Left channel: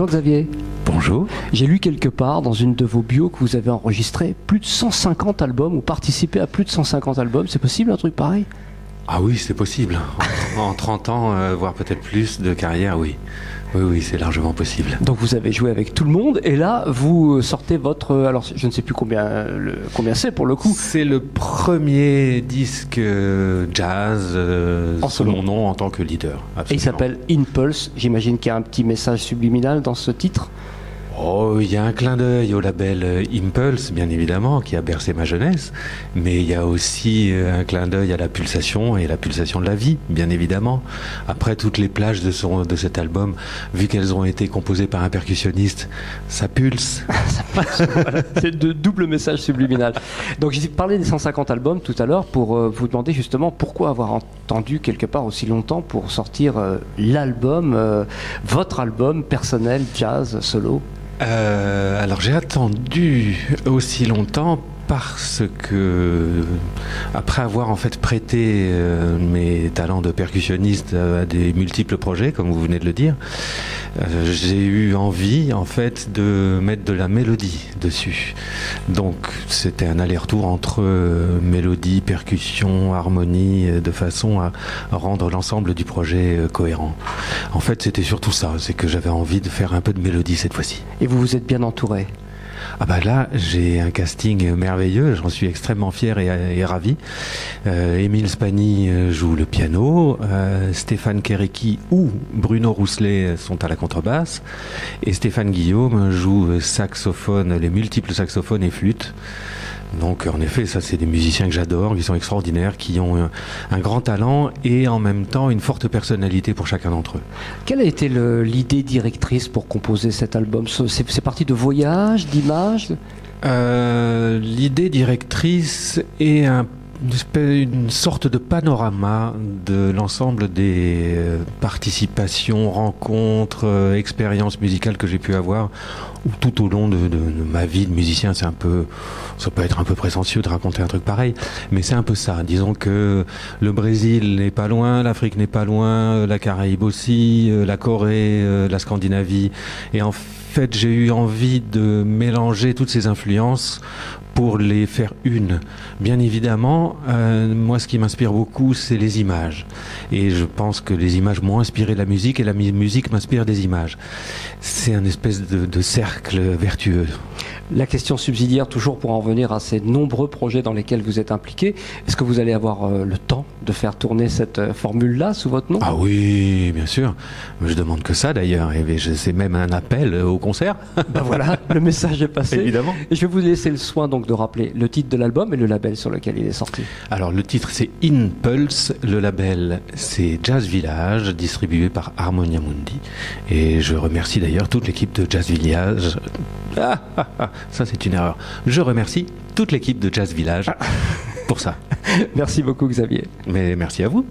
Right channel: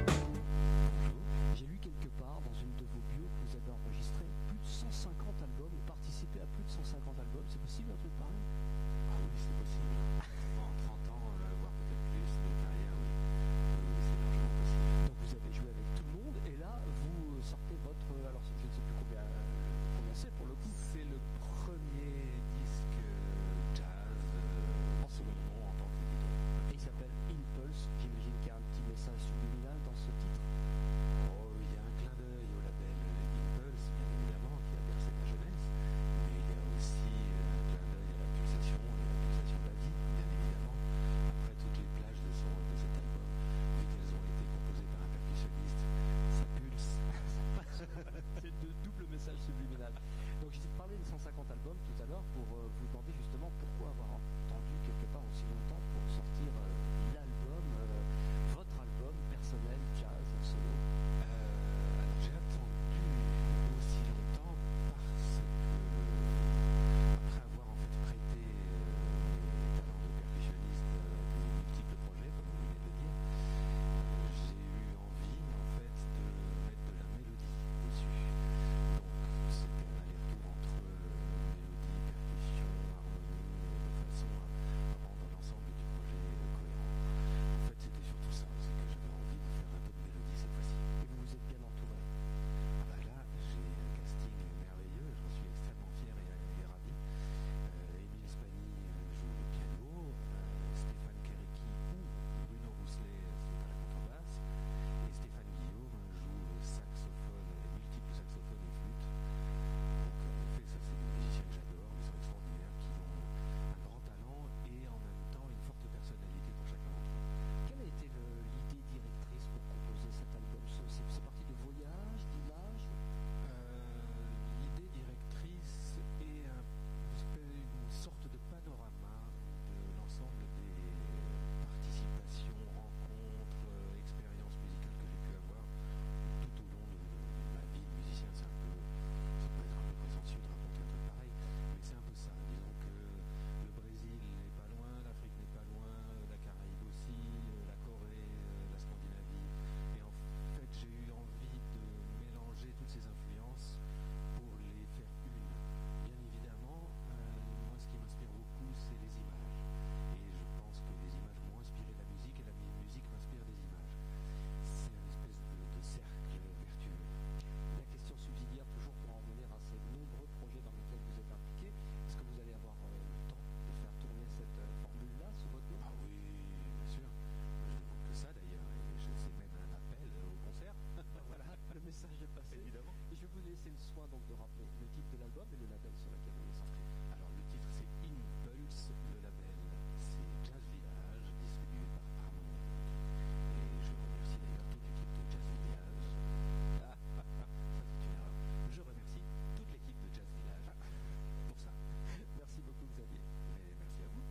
Bonjour Xavier. Bonjour. J'ai lu quelque part dans une de vos bios que vous avez enregistré plus de 150 albums ou participé à plus de 150 albums. C'est possible un truc pareil? Ah oui, c'est possible. En 30 ans, voire peut-être plus de carrière, oui. Oui, c'est largement possible. Donc vous avez joué avec tout le monde et là vous sortez votre... Alors je ne sais plus combien c'est pour le coup. C'est le premier disque jazz sous mon nom en tant que leader. Absolument. Et il s'appelle Impulse. J'imagine qu'il y a un petit message subliminal dans ce titre. Oh, il y a un clin d'œil au label Impulse, bien évidemment, qui a bercé ma jeunesse, mais il y a aussi un clin d'œil à la pulsation et la pulsation de la vie, bien évidemment. Après, toutes les plages de cet album, vu qu'elles ont été composées par un percussionniste, ça pulse. Voilà. C'est de double message subliminal. Donc j'ai parlé des 150 albums tout à l'heure pour vous demander justement pourquoi avoir attendu quelque part aussi longtemps pour sortir l'album, votre album personnel, jazz, solo. Alors j'ai attendu aussi longtemps parce que, après avoir en fait prêté mes talents de percussionniste à des multiples projets, comme vous venez de le dire, j'ai eu envie en fait de mettre de la mélodie dessus. Donc c'était un aller-retour entre mélodie, percussion, harmonie, de façon à rendre l'ensemble du projet cohérent. En fait c'était surtout ça, c'est que j'avais envie de faire un peu de mélodie cette fois-ci. Et vous vous êtes bien entouré? Ah bah là, j'ai un casting merveilleux, j'en suis extrêmement fier et ravi. Émile Spani joue le piano, Stéphane Kéréki ou Bruno Rousselet sont à la contrebasse, et Stéphane Guillaume joue saxophone, les multiples saxophones et flûtes. Donc en effet, ça c'est des musiciens que j'adore, qui sont extraordinaires, qui ont un grand talent et en même temps une forte personnalité pour chacun d'entre eux. Quelle a été l'idée directrice pour composer cet album? C'est parti de voyages, d'images? L'idée directrice est une sorte de panorama de l'ensemble des participations, rencontres, expériences musicales que j'ai pu avoir tout au long de ma vie de musicien. Ça peut être un peu prétentieux de raconter un truc pareil, mais c'est un peu ça. Disons que le Brésil n'est pas loin, l'Afrique n'est pas loin, la Caraïbe aussi, la Corée, la Scandinavie, et en fait j'ai eu envie de mélanger toutes ces influences pour les faire une. Bien évidemment, moi ce qui m'inspire beaucoup, c'est les images. Et je pense que les images m'ont inspiré la musique et la musique m'inspire des images. C'est un espèce de cercle vertueux. La question subsidiaire, toujours pour en revenir à ces nombreux projets dans lesquels vous êtes impliqué, est-ce que vous allez avoir le temps de faire tourner cette formule-là sous votre nom? Ah oui, bien sûr. Je demande que ça d'ailleurs. Et c'est même un appel au concert. Ben voilà, le message est passé. Évidemment. Et je vais vous laisser le soin donc de rappeler le titre de l'album et le label sur lequel il est sorti. Alors le titre c'est Impulse, le label c'est Jazz Village, distribué par Harmonia Mundi. Et je remercie d'ailleurs toute l'équipe de Jazz Village. Ça c'est une erreur. Je remercie toute l'équipe de Jazz Village pour ça. Merci beaucoup Xavier. Mais merci à vous.